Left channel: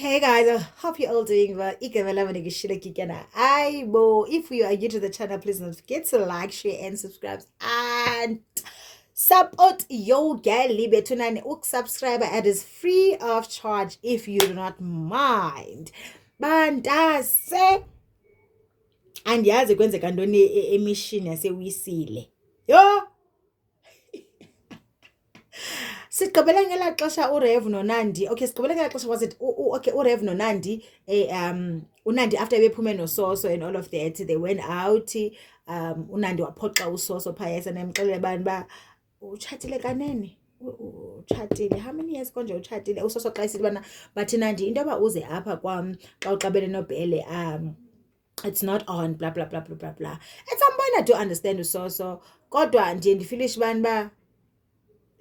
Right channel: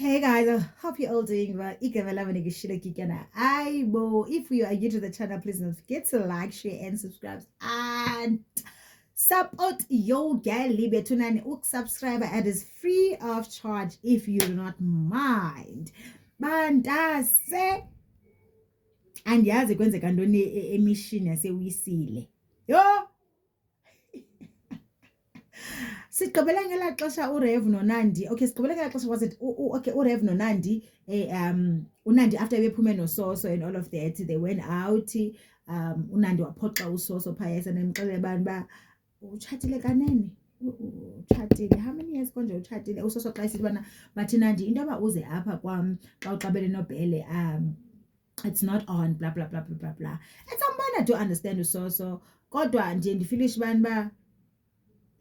Hey guys, I hope you're all doing well. If you are new to the channel, please don't forget to like, share, and subscribe. And support your girl Libe Tunani Uk subscriber. It is free of charge if you do not mind. Bandase. And yazi kwenzeka ntoni emishini yasewisile. Yo! Sigqibele ngelaa xesha uRev noNandi. Okay, sigqibele ngelaa xesha was it okay uRev noNandi uNandi after bephume noSoso and all of that they went out uNandi waphoxa uSoso phaya esenemxelela abantu ba utshatile kanene utshatile how many years konje utshatile uSoso xa esithi bana bathi Nandi into yoba uze apha kwam xa uqabele noBhele it's not on blah blah blah blah blah blah. At some point I do understand uSoso kodwa ndiye ndifilish abantu ba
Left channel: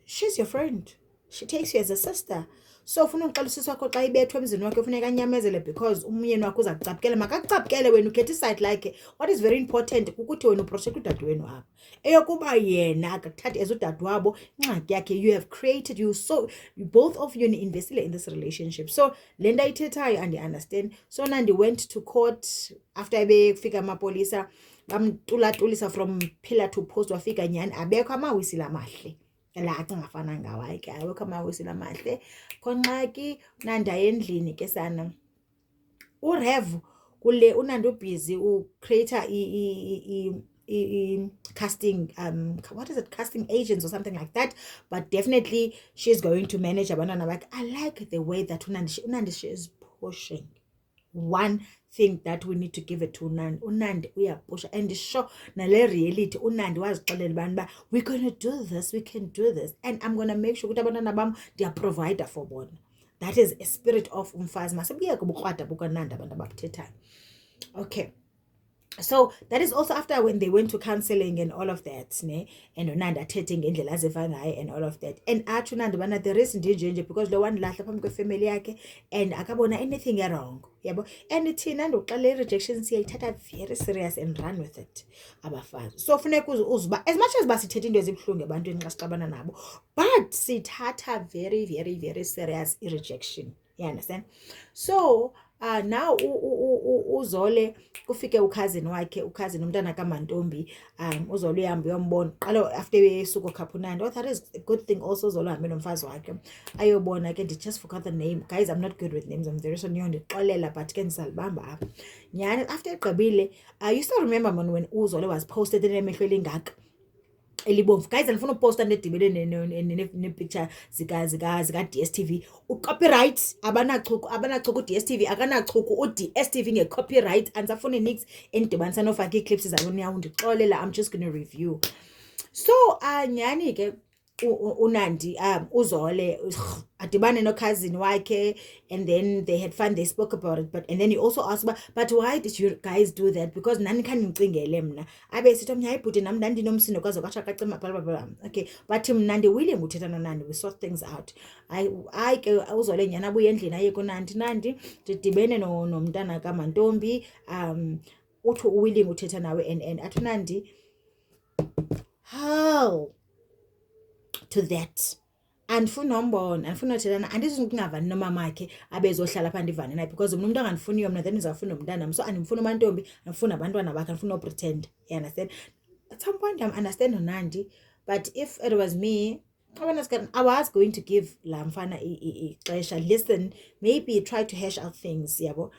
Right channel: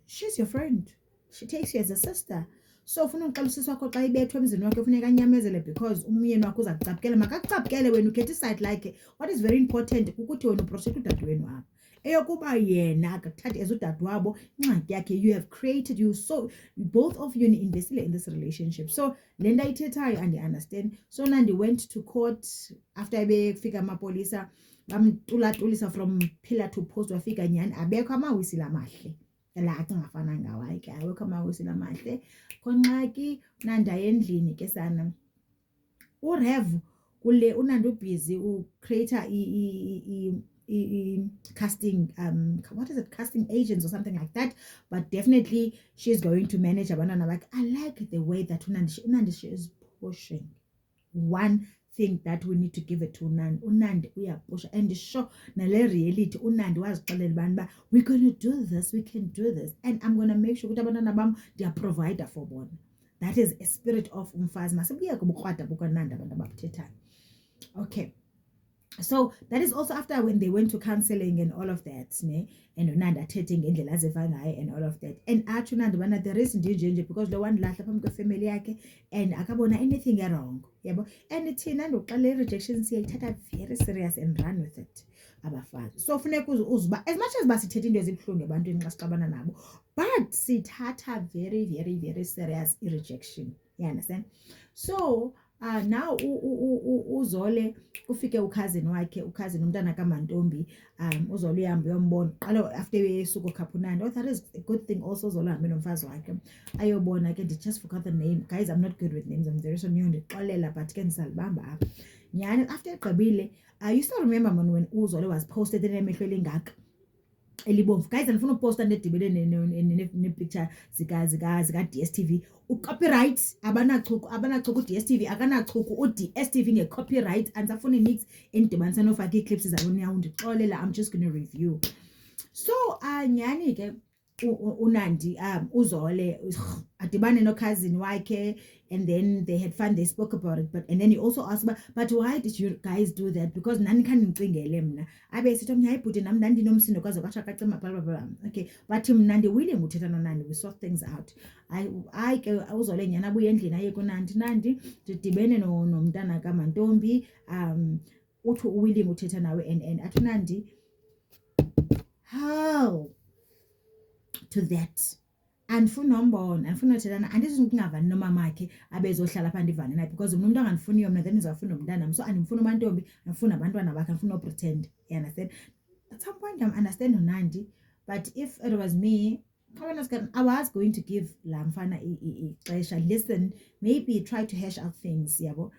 she's your friend. She takes you as a sister. So ufuna uxela usisi wakho xa ibethwe emzini wakhe ufuneka anyamezele because umyeni wakho uza kucaphukela makakucaphukele wena ukhetha iside like what is very important kukuthi wena uprotect udade wenu apha eyokuba yena akakuthathi as udade wabo ingxaki yakhe you have created you so both of you invested in this relationship so le nto ayithethayo and I understand so Nandi went to court after befika amapolisa bamtulatulisa from pillar to post wafika nyani abekho amawisile amahle la acingafana ngawayi ke awekho amawisile amahle konxaki Nandi endlini ke sana uRev kule uNandi ubusy ucreator casting what is it casting agents or something like that but definitely she's going to manage abantwana bakhe. I like the way that uNandi she is pushing one thing that we need to give it to uNandi uyapusha and sure nale reality uNandi wazixelela abantu ba we're going to do this, we can do this and I'm going to make sure ukuthi abantwana bam they are provider for bona. That is a spirit of umfazi masebuyeke ubukrwada bukaNandi abantu ababuthethayo. Okay, so that is also after when they went to counseling and all of that ne and uNandi athethe ngendlela aziva ngayo and all of that and athi uNandi bana there is nje because lo one lahla phambi kwefamily yakhe and akabona anything wrong yabo and thina ndoxela rejection siyayithatha very serious and run with it abafazi so funeka uzuba as much as basithethe into ezibhlungu ebantwini xa sixabana nabo but sithatha very very very serious rejection, you understand. So now uZole kufike ukhazini wakhe ukhazini umntana kaMantombi uZole uhambe uyombona qala after besuko khapha uNandi. Oh, that is a good thing also uZole uhambe nomfazi wakhe ayobona ke just forgot the name guys, I'm not good with names, I'm very sorry ndixolela but ke ndizalibamba apha nyani after egqibile you still remember when uZole was posted enemehlo elingaka elibomvu guys andifuna uposta nedibele ne-picture zika DSTV ucopyright abanachuku DSTV akanachuku uDSTV nge-copyright andisafuni nix endidibanisa nofaka ii-clips zaloniyawo ndixolela I'm just gonna review so nyani ke uNandi uZole adibane nokhazini wakhe and then they had fun, they spoke about it and then he also asked but why did you guys do that because nani khandicingele mna abe sithi omnye hayi bhuti nam ndandinomsindo kwaze kwatsha kacima bla okay but mna willing uthetha noNandi we sort things out. I ke uZole nyana abuye endlini aye kuNandi ndidibene nomntana kaMantombi uthi willing uthetha nawe and athi uNandi how to that andifuna umbona andifuna uthethana andizungavani nomamakhe abezohlala pha ndivane naye because mna umuntu angandifuniyo mna then ndizawufuna umntanam so andimfuna uMantombi andifuna abantwana bakhe andifuna upretend, you understand. At some point I understand uNandi but if it was me I was going to give laa mfana ixesha listen maybe try to hash out things yabo.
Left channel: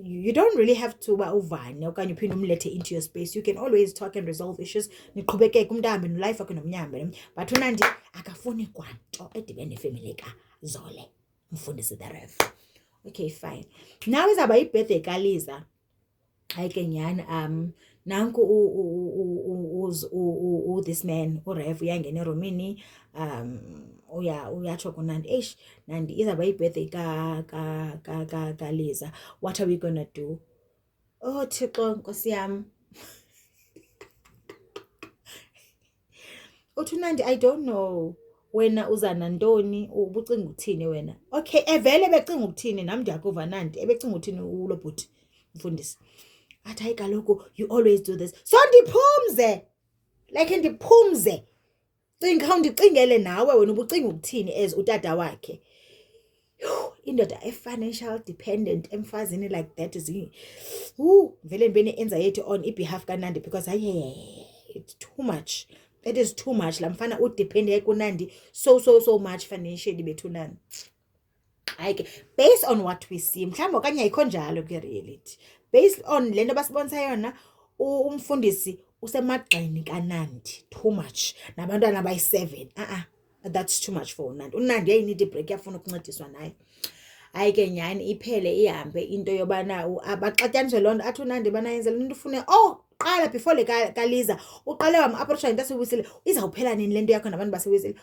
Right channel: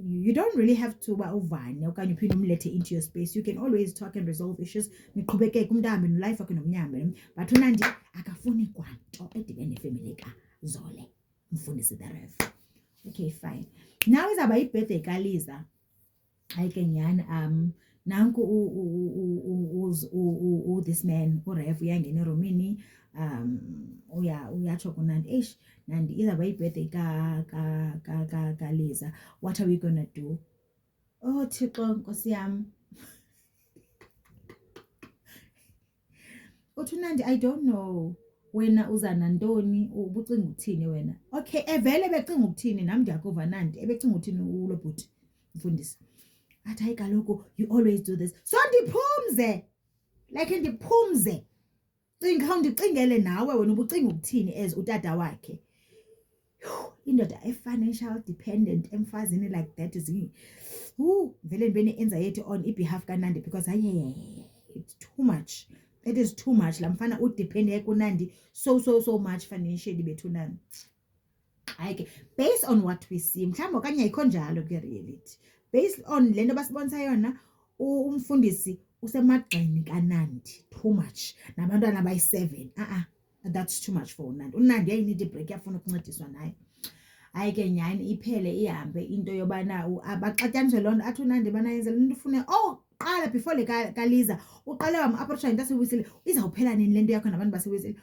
You don't really have to uba uvane okanye uphinde umlethe into your space, you can always talk and resolve issues niqhubekeke umntu ahambe nolife wakhe nomnyambe but uNandi akafuni kwanto edibene nefamily kaZole mfundisi the Rev. Okay fine, now izawuba yibirthday kaLiza hayi ke nyani nanku this man uRev uyangena eromini uyatsho kuNandi Nandi izawuba yibirthday kaLiza, what are we gonna do? Oh Thixo nkosi yam uthi uNandi I don't know wena uza nantoni ubucinga uthini wena. Okay evele becinga ukuthini nam ndiyakuva Nandi ebecinga uthini ulo bhuti mfundisi athi hayi kaloku you always do this so ndiphumze like ndiphumze cinga ndicingele nawe wena ubucinga ukuthini as utata wakhe indoda financial dependent emfazini like that is vele ndibene anxiety on behalf kaNandi because it's too much. It is too much. La mfana udepende kuNandi so much financially bethunani. Hayi based on what we see mhlawumbe okanye ayikho njalo ke reality. Based on lento basibonisa yona umfundisi usemagxeni kaNandi too much nabantwana bayi7 that's too much for uNandi. uNandi uyayinida ibreak yafuna ukuncediswa naye. Hayi ke nyani iphele ihambe into yobana abaxatyaniswe lonto athi uNandi bana yenze lento ufune qala before le kaLiza uqale wam-approacha into yaseWisile izawuphela nini lento yakho nabantu baseWisile.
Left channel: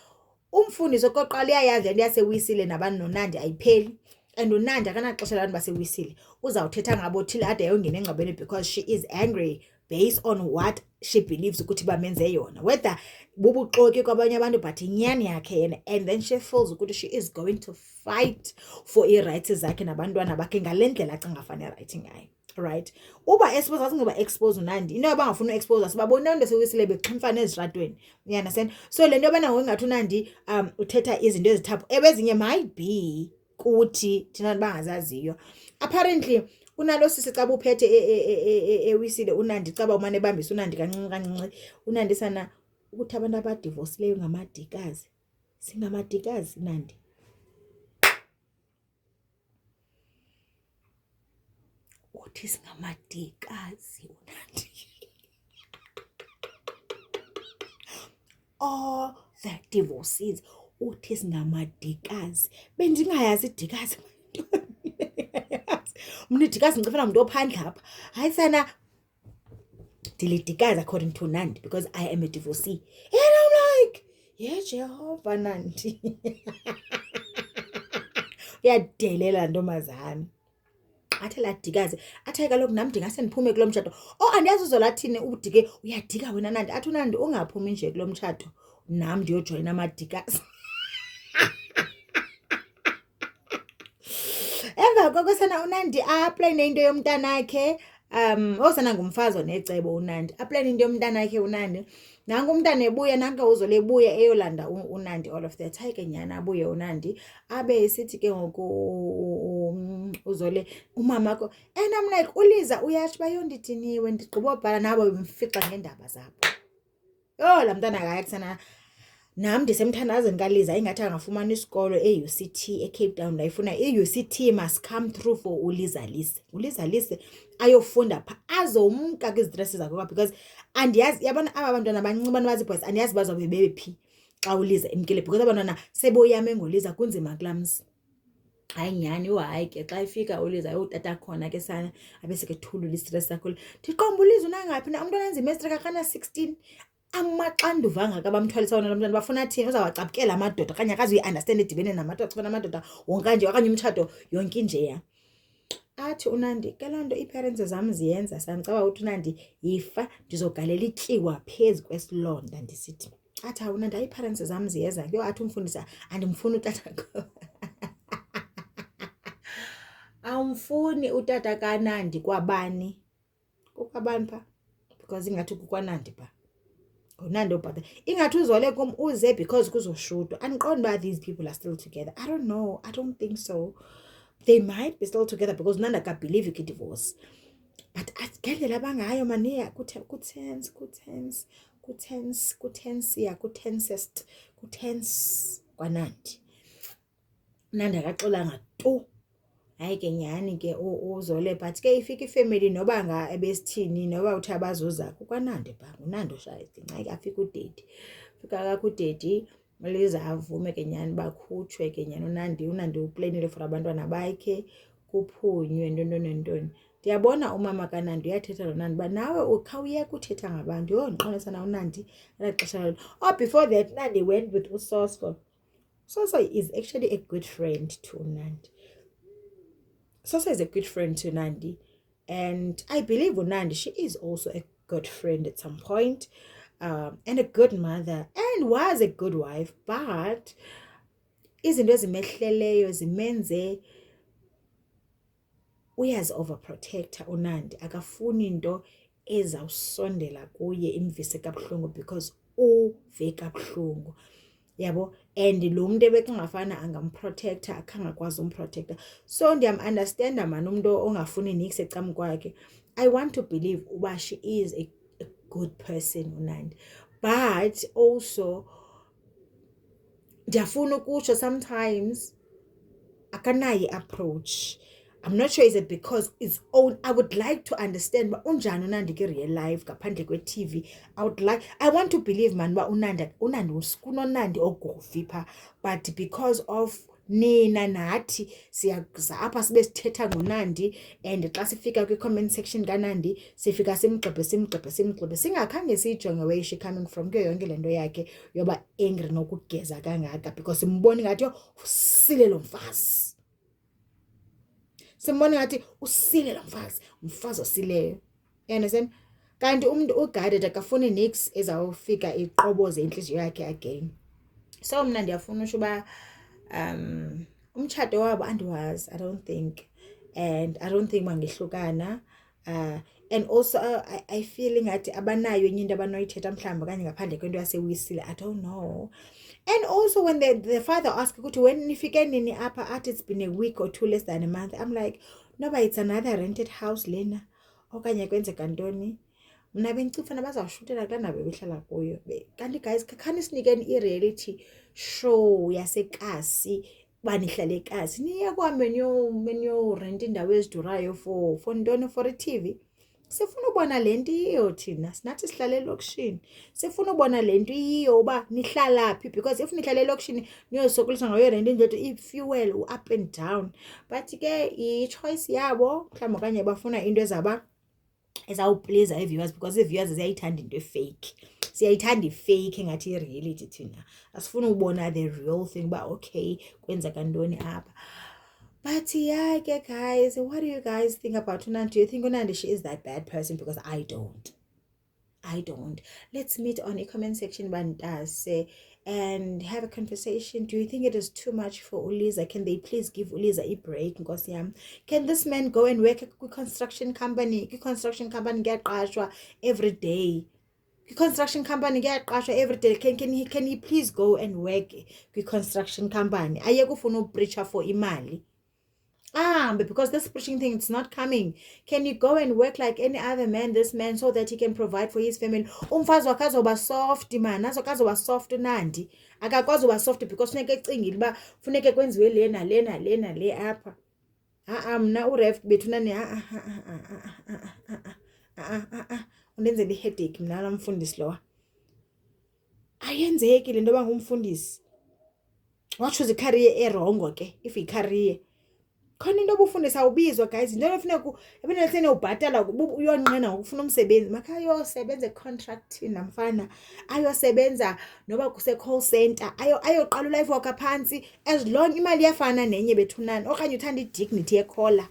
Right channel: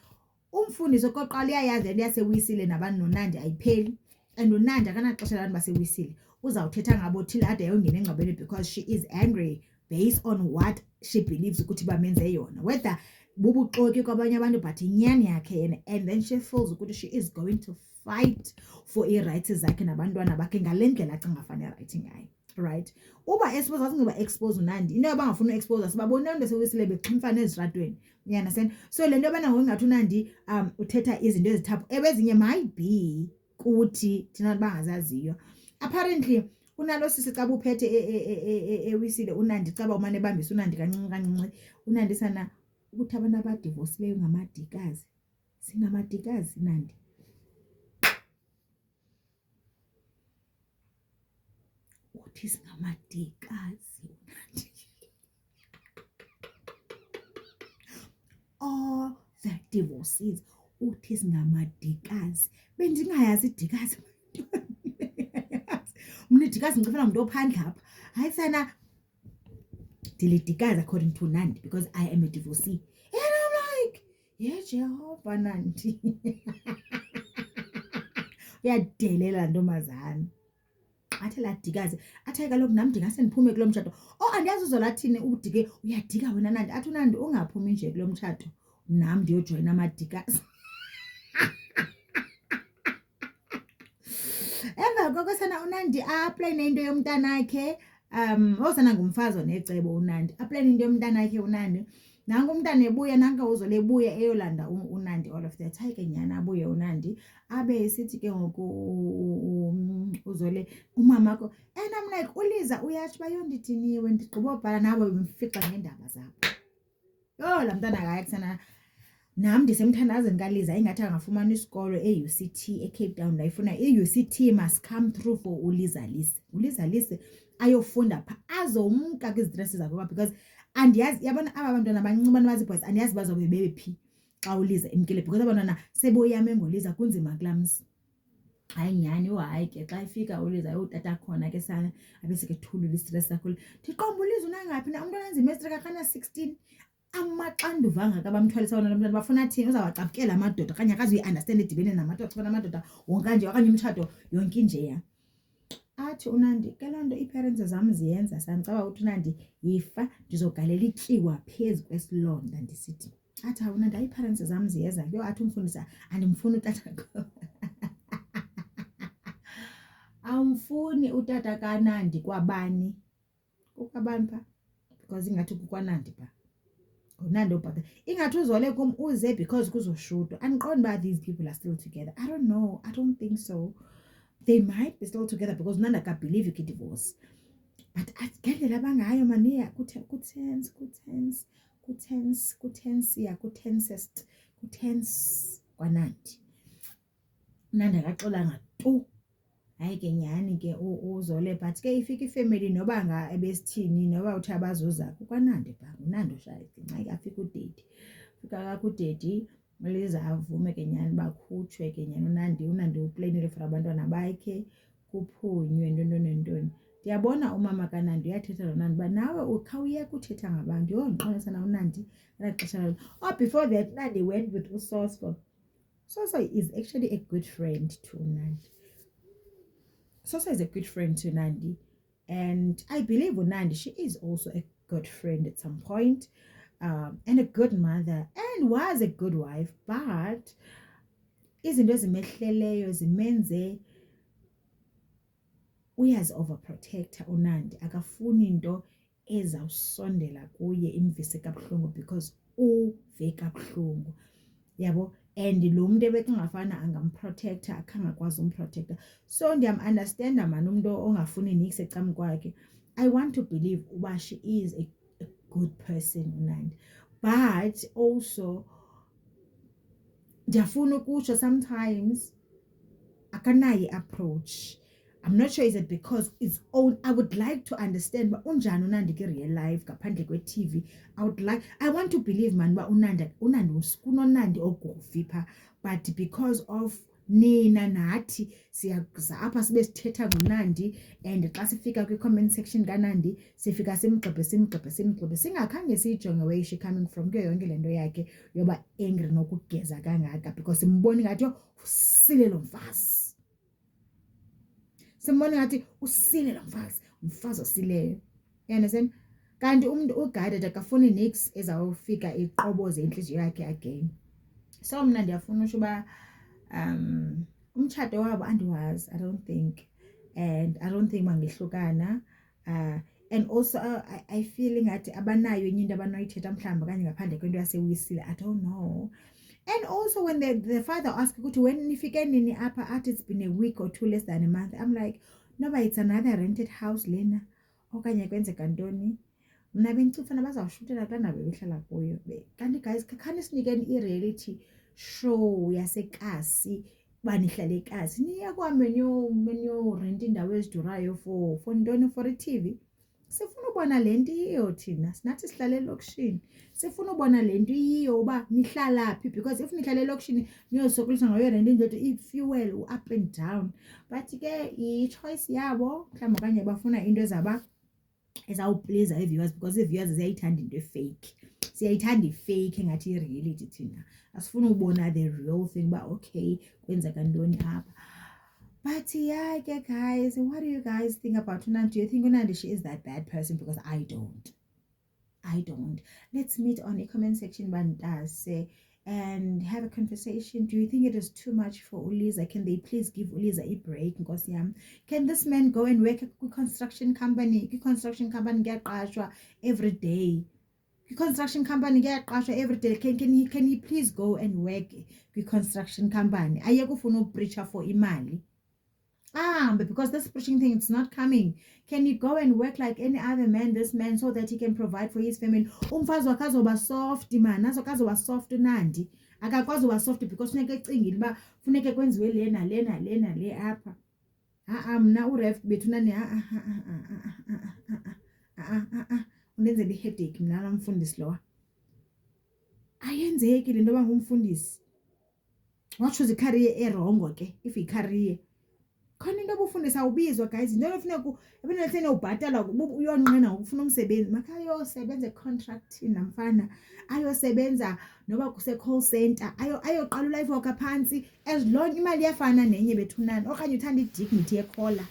Umfundisi okoqala iyayazi lento yaseWisile nabantu noNandi ayipheli and uNandi akanaxesha labantu baseWisile uzawuthetha ngabo thile ade ayongena engcwabeni because she is angry based on what she believes ukuthi bamenze yona whether bubuxoki kwabanye abantu but inyani yakhe yena and then she feels ukuthi she is going to fight for i-rights zakhe nabantwana bakhe ngale ndlela acinga fanele right ngayo. Right, uba expose asingeba expose uNandi into abangafuna uexpose sibabona into seWisile bexhimfana ezitratweni, you understand? So le nto yobana ngokungathi uNandi uthetha izinto ezithaphu ebezinye might be kuthi thina bangazaziyo. Apparently unalo sisi xa buphethe eWisile uNandi caba umane ebambisa uNandi kancinci uNandi sana ukuthi abantu abadivorcileyo ngamadikazi singamadikazi Nandi. Uthi singamadikazi uNandi. All the divorces uthi singamadikazi bendingayazi idikazi mna idikazi ngicifana umuntu ophandle apha hayi sana dilidikazi according to Nandi because I am a divorcee and I'm like yeah Jehovah Nandi uyadelela ntombazana athi ladikazi athi kaloku nam ndingase ndiphume kulo mtshato andiyazi uzolathini udike uyadika wena Nandi athi uNandi ungaphumi nje kulo mtshato nam ndiyojoyina amadikazi. Emva koko sana uNandi aplayine into yomntanakhe osana ngumfazi onecebo uNandi aplayine into yomntanakhe uNandi nangu umntana ebuya nanka uzole ebuya eyolanda uNandi all of that. Hayi ke nyana abuye uNandi abe esithi ke ngoku uzole umamakho and I'm like uLiza uyatsho bayondidiniwe ndigqiba ubhala nabo bemfixa ngendaba zabo. La mntana akayakusana nam ndisemthandazeni kaLiza ingathi angafumana isikolo e-UCT eCape Town ndayifuna i-UCT must come through for uLiza Lise ayofunda pha azomka kwizitresi zakhe because andiyazi yabona aba bantwana abancinci abantu bazi-boys andiyazi bazobe bephi xa uLiza emkile because abantwana seboyame ngoliza kunzima kulamzi. Hayi nyani hayi ke xa ifika uLiza utata khona ke sana abeseke thulula istress kakhulu ndiqomba uLiza unangaphi na umntwana enza imatric akana 16 amaxanduva angaka bamthwalisa wona lo mntwana bafuna athini uzawacapukela amadoda okanye akazi uyi-understand edibene namadoda xibana amadoda wonke nje okanye umtshato yonke njeya. Athi uNandi ke loo nto ii-parents zam ziyenza samcaba ukuthi uNandi yifa ndizogalela ityiwa phezu kwesilonda ndisithi athi uNandi ii-parents zam ziyeza ke athi umfundisa andimfuni utata awumfuni utata kaNandi kwabani kukwabani pha because ingathi kukwaNandi pha uNandi obhatha ingathi uzole kum uze because kuzoshutwa andiqondi uba these people are still together. I don't know, I don't think so. They might be still together because uNandi akabelieve i-divorce but ngendlela abangayo maniya kutense kwaNandi uNandi akaxolanga tu. Hayi ke nyani ke uzole but ke ifika ifamily noba ebesithini noba uthi abazuza kukwaNandi pha uNandi oshaya nxa afika udedi fika kakudedi uLiza avume ke nyani bakhutshwe ke nyani uNandi uplanile for abantwana bakhe kuphunywe ntoni. Ndiyabona umama kaNandi uyathetha noNandi uba nawe ukhawuyeka uthetha ngabantu ndiqonisa na uNandi elaxesha before that Nandi went with uSoso. Soso is actually a good friend to Nandi. Soso is a good friend to Nandi and I believe uNandi she is also a good friend at some point and a good mother and was a good wife but izinto ezimehleleyo zimenze uyazi overprotector uNandi akafuni into ezawusondela kuye imvise kabuhlungu because uve kabuhlungu yabo and lo muntu ebekungafana angamprotector akangakwazi umprotector. So ndiyam-understanda man umuntu ongafuni nix ecam kwakhe. I want to believe uba she is a good person uNandi, but also ndiyafuna ukutsho sometimes akanayi approach. I'm not sure is it because it's own. I would like to understand ba unjani uNandi ke real life ngaphandle kwe-TV. I want to believe man ba uNandi kunonandi ogofipha, but because of nina nathi siyaza apha sibe sithetha ngoNandi, and xa sifika kwi-comment section kaNandi sifika simgxebhe singakhange siyijonge where is she coming from kuyo yonke le nto yakhe yoba angry nokugeza kangaka, because simbona ngathi usile lo mfazi. Simbona ngathi usile lo mfazi osileyo. You understand? Kanti umuntu uguided akafuni nix ezawufika iqoboze inhliziyo yakhe again. So mna ndiyafuna usho uba umtshato wabo andiwazi, I don't think, and I don't think bangehlukana, and also I feel ngathi abanayo enye into abanoyithetha mhlawumbi kanye ngaphandle kwento yasewisile, I don't know. And also when the father asked ukuthi when nifike nini apha athi it's been a week or two, less than a month, I'm like no, but it's another rented house lena okanye kwenzeka ntoni. Mna bengicifana bazawushutela xa nabe behlala kuyo. Kanti guys khani sinikeni i-reality show yasekasi banihlale ekasi niye kwambe niyo rent indawo ezidurayo for ntoni, for i-TV. Sifuna ubona lento iyo thina sinathi sihlale elokishini, sifuna ubona lento iyo uba nihlala phi, because if nihlale elokishini niyosokolisa ngayo rent nje i-fuel up and down. But ke i-choice yabo mhlawumbi okanye bafuna into ezawupleaser i-viewers, because i-viewers ziyayithanda into fake, siyayithanda i-fake engathi i-reality thina asifuna ubona the real thing uba okay kwenzeka ntoni apha. But yeah, guys, what do you guys think about uNandi? Do you think uNandi she is that bad person? Because I don't. Let's meet on the comment section and have a conversation. Do you think it is too much for Uliza? Can they please give Uliza a break? Because can this man go and work at a construction company? Construction company get qashwa every day. Construction company get qashwa every day. Can he please go and work at construction company? Ayekufuna preacher for imali. But because this preaching thing, it's not coming. Can you go and work like any other man, this man, so that he can provide for his family? Umfazi wakazoba soft man, azokazoba soft uNandi. Akakwazi uba soft because funeke ecingile uba funeke kwenziwe lena le apha. Mna uref bethunani undenzela iheadache mna namfundisi lowa. Ayenzeki le nto yoba ngumfundisi. Wachoose icareer erongo ke, if icareer khona into obufundisa awubizwa guys, into efuneka ebenelithene ubhatala uyonqena ngokufuna umsebenzi makayosebenza econtracting namfana, ayosebenza noba kuse call center, ayoqala ulife wakhe phansi, as long imali iyafana nenye bethunani, okanye uthanda idignity yekhola.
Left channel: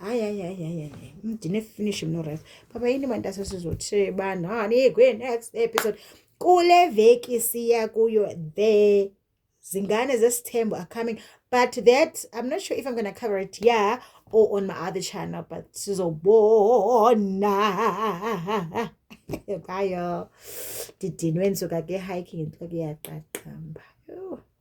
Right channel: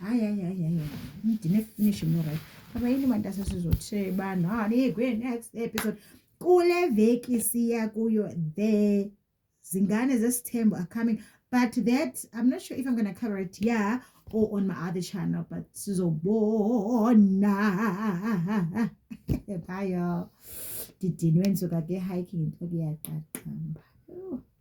Hayi mdine finish mno right. Papa yini manje sizotshebana kwe next episode kule veki siya kuyo. The Zingane Zesithembu are coming, but that I'm not sure if I'm gonna cover it here or on my other channel, but sizobona. Bye. Didinwensuka ke hiking into kuyaqaqamba.